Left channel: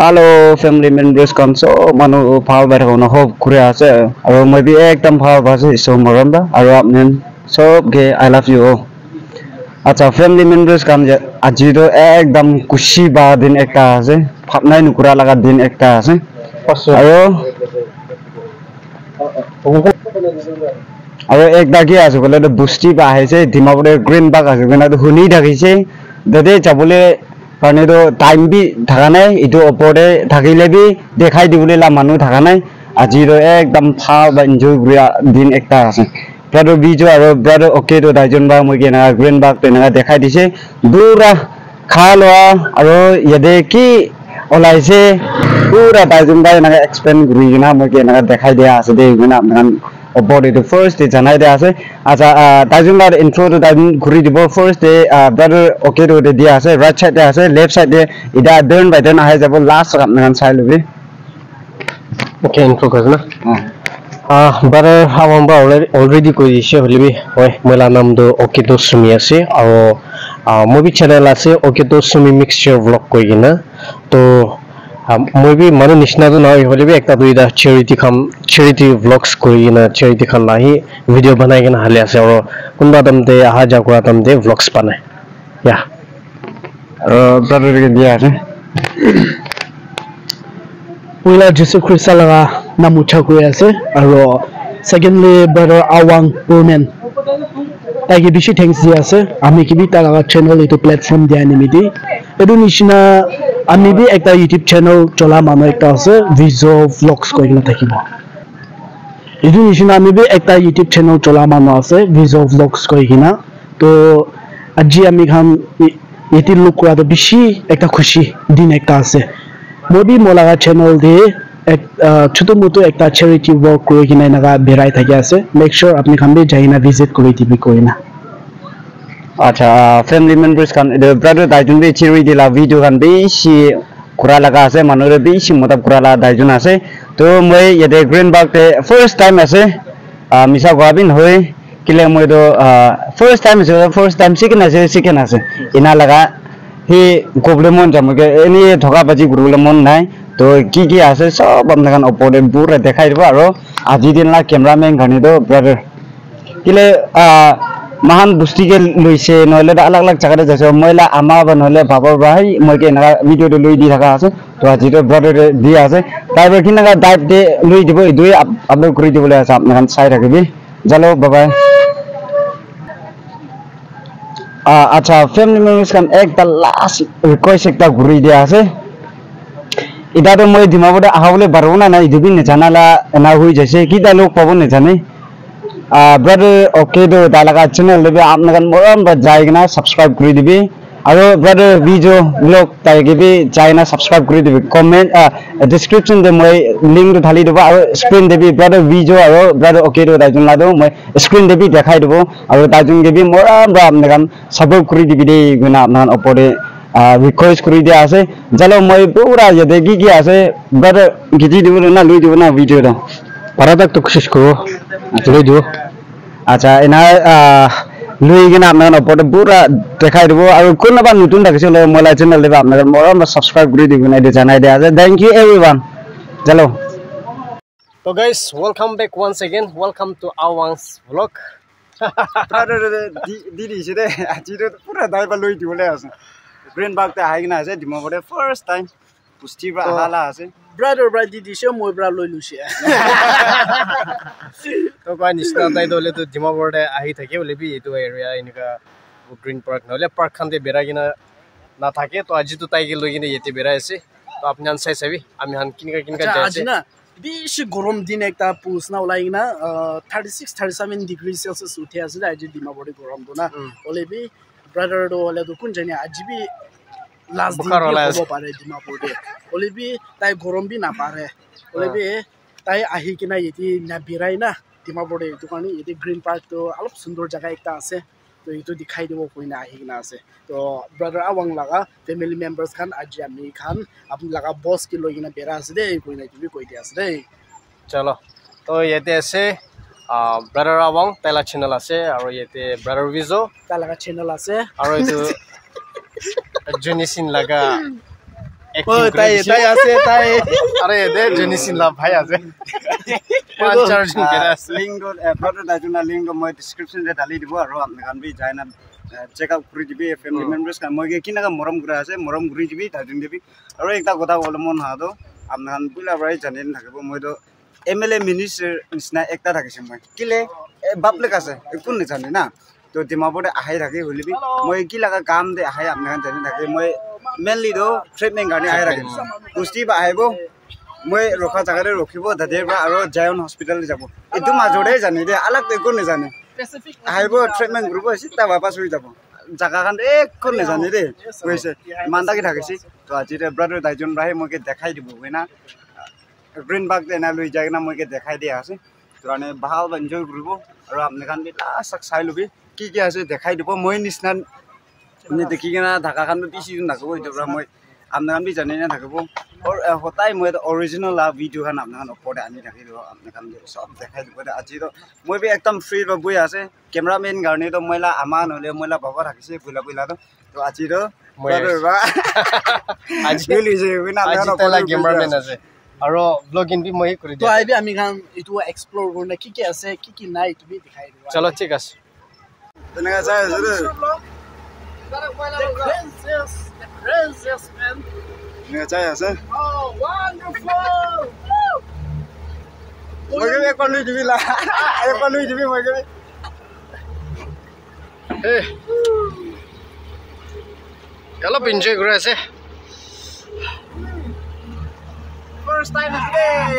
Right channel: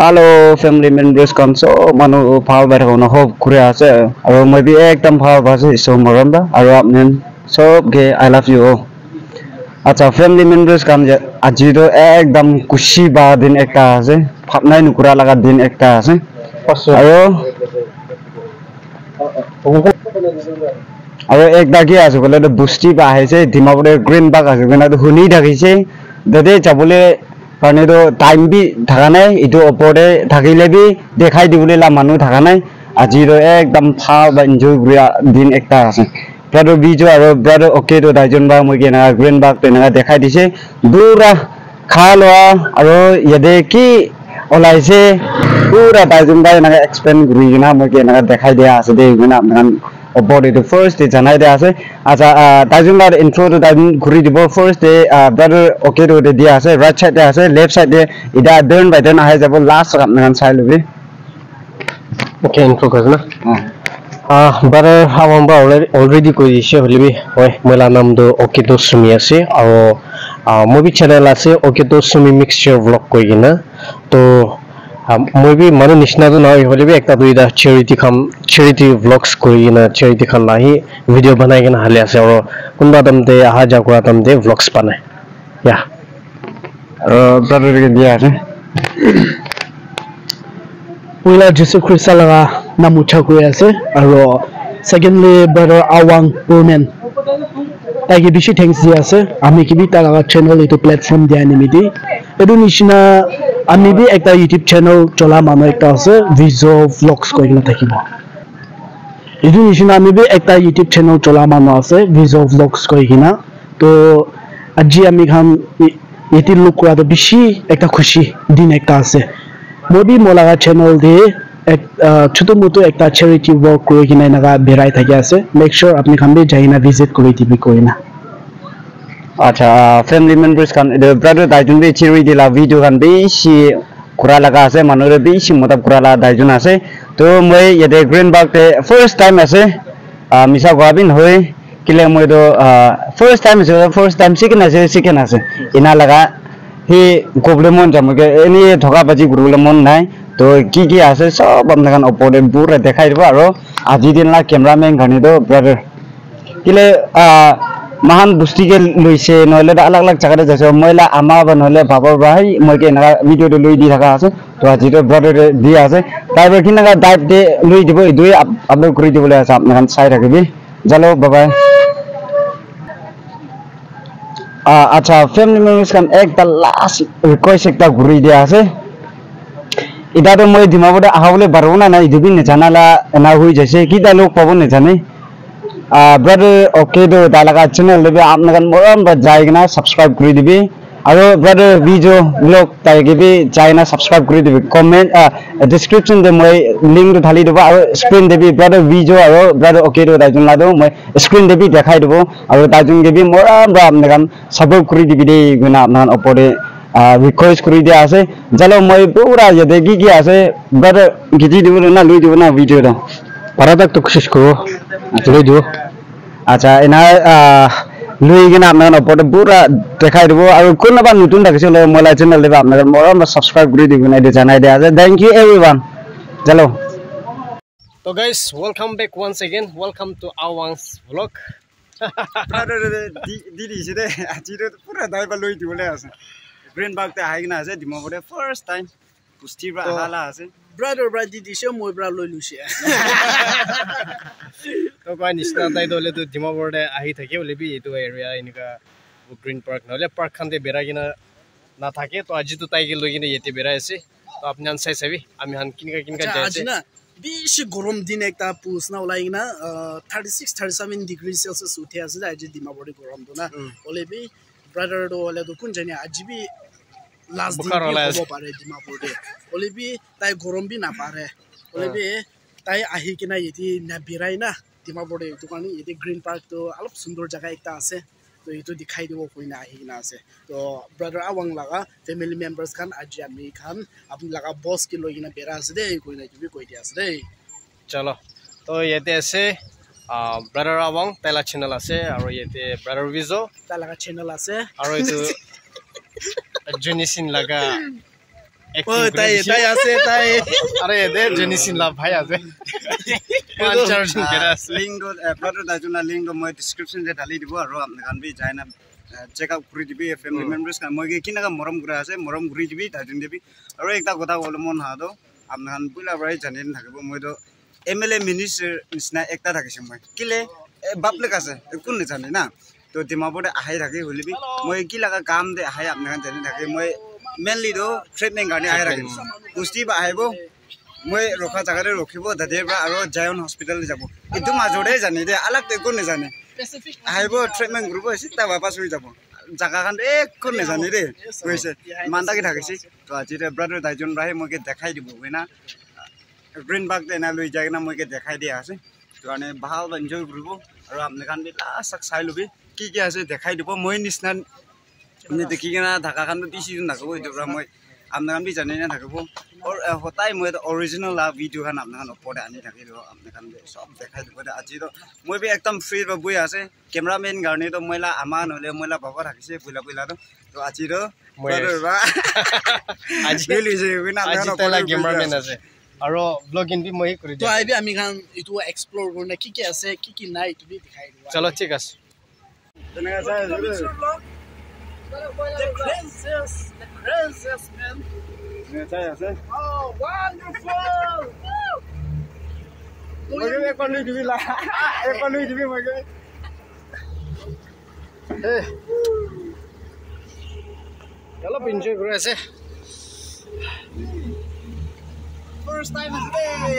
Hello, family members. So, manu phal bai thakona hope kure ase. Aro moi bi ekdam phal base so moronda. Aro apnen sob ge I love you. Acha family members kan aji to ekdam kushi ba din ekta ase. Phapnai nukura laga din ekta ase. Aro aro ekta ki ase bole to busti ba aise dimapore green bag ase bena to huni thakise. Dade chabole karne to time bi thaka nai itu opore thakile bi dekhai dibole la manu thaka nai aji to ekdam phal ba enjoy gria din ekta ase brother bijo aro brother okay to daijon ba moi ke na green bag te na dekhai dise pura khaloa aro yede ki olaise pura daijon ba na explain guri na moi ke na dekhai dia ase de na nan body the first day janai dia ase acha daijon ba intro to daijon guri dibo first day brother okay to de dia ase right side dia ase left side de ida turn by turn ahai jabo last rap nan sai lubi okay intro kazna brother hawamba already koi dise holibi hoi mola nam do okay to sumi ase aro movie channel ase okay to sumi mixture vlog koi gina to moi bi manu nishna to na hole bi ekta duida charity vlogs kori na charity khan lahi video banai kena hale ase aro kunba tamte aha ja kora tamte vlogs banai ya brother ke dia ase Wila Jesus Christ laga namu chakoi ase aro secondly brother Awang Pumen tagi bishi thanks dia ase ami kibi ta laga channel itu platform dia nimidi edu nishina ami bi ekta YouTube channel chola manu ekta ase Vizo Vlogs koi na thakibo edu nishina ami bi ekta YouTube channel chola manu ase Vizo Vlogs koi kina to aji ami khan yeti look kora to bishi ekta khushi din ekta ase moi bi molaga channel de ek choto moto ekta charity work koi kina naga berai thaki ase make sure apni khan bi jaina visit kori tibi koina acha family members kan the brother daijon bi charity la video kan bi si kura laga ase manure bi si motab kura la daijon ase to moi yede green bag te first time ase misa gwabin hoi kile moi do first time second ase ina laga hi goblemon jamuge eni thoka baji gurlemon nai to ki ase sob amna kan opore pura dekhai dibo aro aji din la cameraman gani do brother kile mahan busti ke loise noile alag alag jaga jaise moila ama ba noile baba bai moi ke na video de loi di thaka ase to aji do brother di ase taiber kin na dive de loi dibo idui upload kori dibole ase apna kan sai rakhibi jalo bye bye acha family members kan ekta last request ekta guri dia ase ida to moi dimapore ahawle barona na idubin ne janala na hui jaise ki da lok pabon ne jane brother okay do dalaga channel lebe apna kan moram ba jaigna subscribe kori dibi aro brother video vlog taigi bi jaina subscribe kori dibi comment description de moi link to thali dibo aro screen debi brother video aro brother okay do daijon la do moi screen debi dekhai dibo aro daijon ge bi moram ba apna kan support kori dibi de guna apna opore request kori dia ase jalo moi pura yede ki ase brother giji dibo na lui dibo na video da paradak to koshish koro loi dibo acha ina lui gina apna opore pura dekhai dibo aro kunna ba nutun thakise le mola channel de apna moram subscribe kori dibo na de janai dia ase thank you everyone jalo so guys welcome back once again welcome to Awang's vlog brother didi side aji do pura dai ba lui dibole ase green bag ta haigna ase dimapore first time pusti ba hala ase brother didi she moi bra loi lusi to koi nishna tai dole to dimapore de ahi thake bole bi etu area inika green park nole park khan de bera gina na thake to aji to tai ge loi gina yete bera ase to apni an sai sabi ami han kinka jaise aji na bishi gorom din ekta pusna ulai na 36 37 degrees celsius uthi ase aji dimapore gorom do na ole bi brother do ole do kun jani aji bi last din bi hobo pare dimapore de ole bi tai gorom bi na pare ole bi tai ahi kina yeti na birai na dimapore to kani yeti green park to alop sundor jaga ekta ase तो इतो दिखाई देबो कोइना आहिना আছে तो brother आवंग लगा family members Khan आज आमी खान अपनी लगा बॉस के लोगिना बेरा আছে दे कोइना की भी कोइ दे আছে दे चलो तो येते আছে ब्रदर आवंग तेला चैनल আছে আৰু येते ब्रदर विजो ता लगा चैनल আছে আৰু এটো জেনিসিন লাগা ओ ताई ताई আছে ताई আরে দে জেনিসিন লা ভাই আছে লিংক ব্রাদার দাইজুনা লিংক মই ডেসক্রিপশন রে ঢালি দিব আৰু আপনি কান বি যায়না চেক আউট কৰি দিবি ফ্যামিলি মেম্বাৰ্স কান মই কিনাকা মৰম কৰা আছে মৰম কৰি দিবি দাইজুন দিবি আৰু একটা কথা বলে মন হাদো আপনি কান বুলা বাই জানিন থাকিব মইতো এমএলএ মিনিস্টার নিচিনা একটা থাকিছে মই কিলে বাপলেক আছে কোন জানি না তো ডিমাপুরে আহাই থাকি হলিবি মই কি লাগা কাম দে আহাই আপনি কান জানি থাকি মই মেনলি দো ট্রিটমেন্ট গানি আহাই রাখি কুস্তি বা আহাইব মই ৰখা জাগাৰে ৰখিব দাদেবা আৰু জায়ন হস্পিটাল যাব এটো মাজৰে জানি দে আলাক একো নেজানে আহাইব ট্ৰিটমেন্ট গ্ৰুপ আছে তা বাপাস হৈ যাব জাগা খান একো নেজানে দে কৈছে মানদাকি থাকিছে তো আজি ব্রাদার দাইজন ভাই মইকে দেখাই দিব না গ্রিন বাগ দেনা লৈ যায় না মইকে দেখাই দিয়া আছে তো মানে ভাল এনজয় কৰিব আৰু আপনি খান বি লাষ্ট চাই লবি কি কি আছে দেখাই দিব মই নিছনা আপনি দেখি কিনা ঢাকা খান দিছিজন থাকিব এটা মই আপনি খান বি জানি না থাকিব और होताई মই ओरिजिनल ला वीडियो खान आपन खान ओपरे आनी थाকি रो आपन खान सब देखाइ দিব আজি रो মই बे एकदम फ्री रो बय আছে कैमरामैन गाउने तो मैला आमा नले मैला बाबा राखिसे बुला बुला तो আজি रो ब्रदर बा আজি मिलिजे बिना আজি तला कैमरामैन আছে আৰু ব্লগিং বি মই কৰি तो आइबे आमी खान इतो एक्सप्लोर करना की আছে की নাই তুমি দেখাই দিবা চলো ঠিক আছে তেনেকা চাই আছে princess man তেনেকা চাই আছে oh wonderful মই কে কোন লৈ দিবি লা কোন লৈ দিবি মই কে অলপ এনজয় কৰি আছে first time today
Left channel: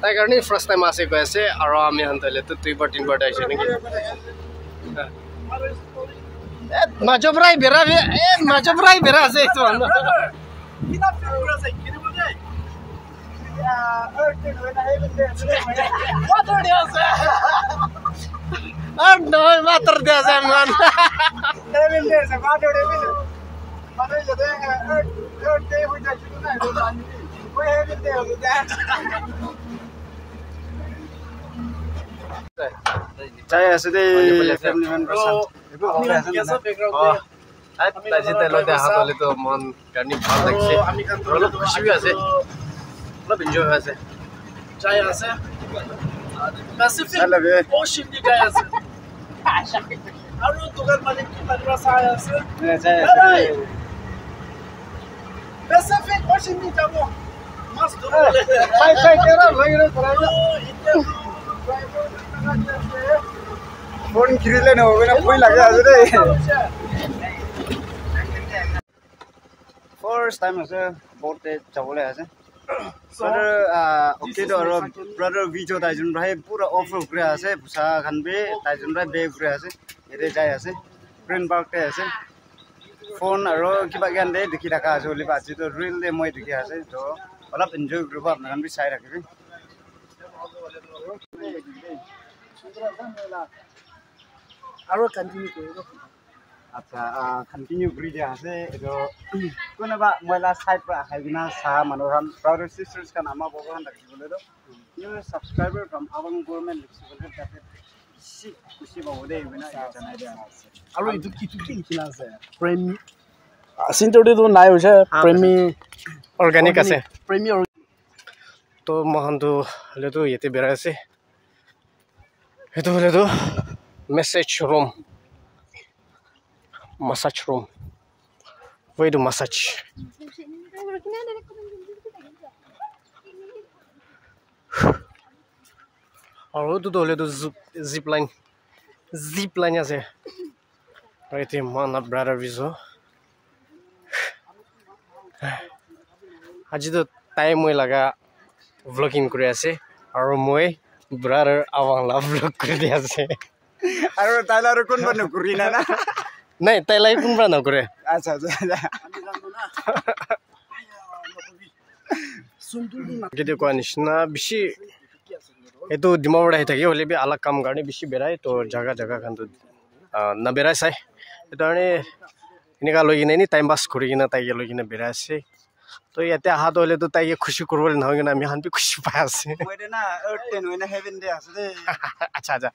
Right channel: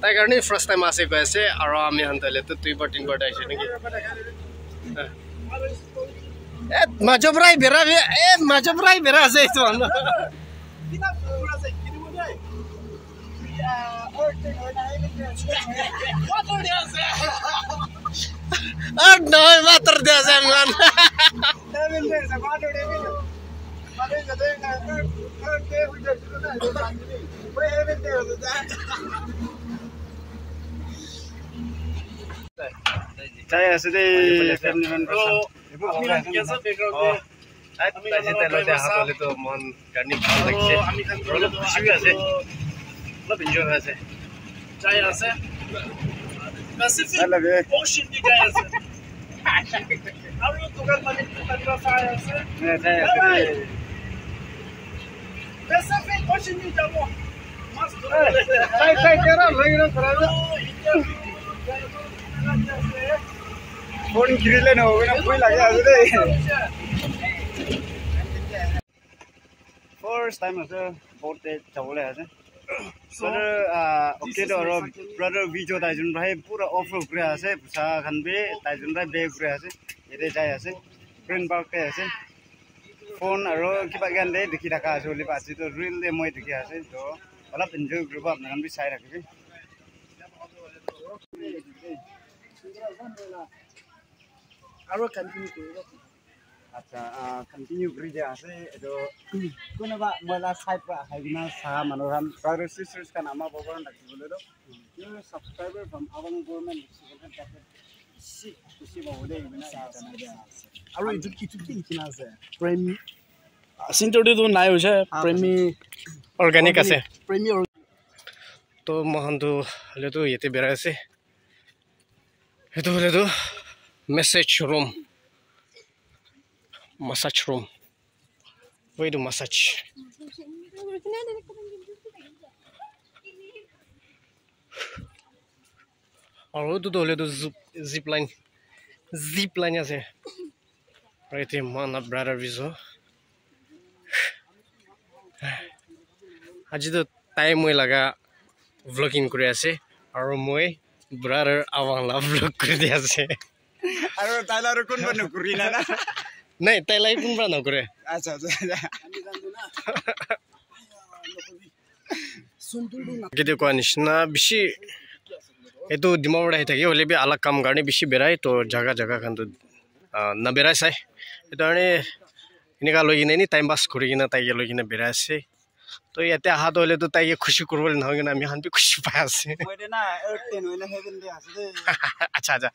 তাই কাৰণে ফাৰ্স্ট টাইম আছে গৈ আছে আৰু আমি হন্তলে তো 3 বাৰ 3 বাৰ আইছে নেকি এ মাজবৰাই বেৰা এ মাজবৰাই বেৰা আছে তো কিনা ফিগুরা আছে কিনে বলে earth when I have there water আছে আর নয় water দে আছে মান heaven there আছে water মানে যদি earth day হই যায় না ওই heaven there আছে চাই আছে দে ফ্যামিলি মেম্বার্স আমি কেসা ব্যাকগ্রাউন্ড আজি তেলতে হাতলে তো মন গানি ভাল লাগছে আমি কাম অলপ খুশি আছে অলপ এনজয় আছে চাই আছে Pacific Alabe. Ocean di jaya আছে আৰু দোকান মালিক লাগলা চাই আছে চাই আছে Pacific Ocean di যাব মস্ত চাই কেরা ভাইরা খরাবে ফোন কিরিলে না হবে না কই লাগে আছে রে ফার্স্ট টাইম আছে বলতে যাবলে আছে ব্রাদার ওকে তো ব্রাদার ভিডিও তাইজন ভাই পুরো অফ রোড করে আছে বুসা খানবে তাইজন ভাই বে করে আছে এতে যাই আছে গ্রিন পার্কতে আছে ফোন আর কিবা গান দে দেখি রাখা আছে বলি পাচ্ছি তো রিল দে মই দেখি আছে তো অলপ এনজয় করব আপনারা বি চাই রাখবি আৰু কন্টিনিউ কৰিব আচ্ছা কন্টিনিউ কৰি দিয়া আছে এটো কোনবা মইলা সাইড পৰা হাইবিনা সা মানুহৰান ব্ৰাদাৰ সিস্টাৰ্স কান আমা বগৰান ৰাখিবলৈ তো সাবস্ক্ৰাইবাৰ ফ্ৰম আওয়াং গভৰ্নমেন্ট লিখিবলৈ তাতে খুশি বহুদে বিনা জানাই দিয়া আছে আৰু ইটো কি কিনা আছে প্ৰেম সিনটোটো নাই হৈছে প্ৰেমী অৰ্গানিক আছে প্ৰেমী তো মহানটো হলেতো ইয়াতে বেৰা আছে এটো হলেতো message room massage room wait to massage আৰু তো হলেতো জিপ লাইন আছে right man brother viso আজি তো টাইম মই লাগা vlogging কৰি আছে আৰু মই brother awang vlog কৰি দি আছে আৰু তাইলা আৰু কোন বানু কৰি না না নাই তাইলাই কোন বানু কৰে আচ্ছা আচ্ছা কিদি কোৱা নিচিনা বেছি এইটো ডিমাবুৰ আহি থাকে হলে বি আলাগ কাম কাৰণে বেছি বেৰাই তো জাগা খান তো নাবেৰাই চাই এইটো কাৰণে এনেকুৱা লৈ কিনে এনি টাইম পাছ কৰি কিনে তাইকে লৈ কিনে বেৰাই আছে তো ইয়াতে অহাটো হ'লেতো তাইকে খুচি কৰিবলৈ নহয় কিনে আমি শান্তি খুচি পাই আছে আচ্ছা আচ্ছা